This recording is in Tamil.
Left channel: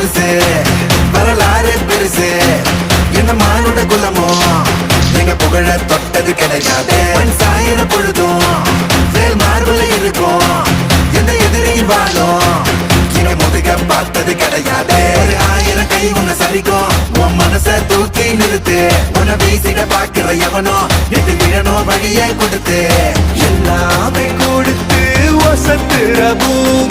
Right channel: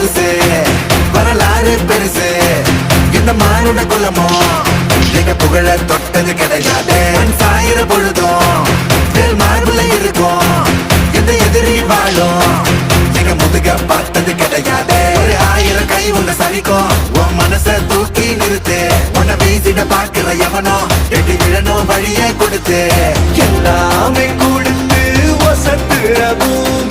புதுசு வரலாறு பெருசு என்ன மானுட குலமோ எங்க புகழ தொட்டது கிடையாது சாயிர பொழுதும் மார்புல இருக்கும் எந்த எதிரி வாழும் எங்க முதுக பார்த்தது கிடையாது 1000 கை உன்னை சரிக்கும் உன் மனச தூக்கி நிறுத்து உன்னை வீசிட பாக்குற எவனோ எது விழணும் வழிய கொடுத்து எல்லாமே கொடுத்து வசத்துற பூமி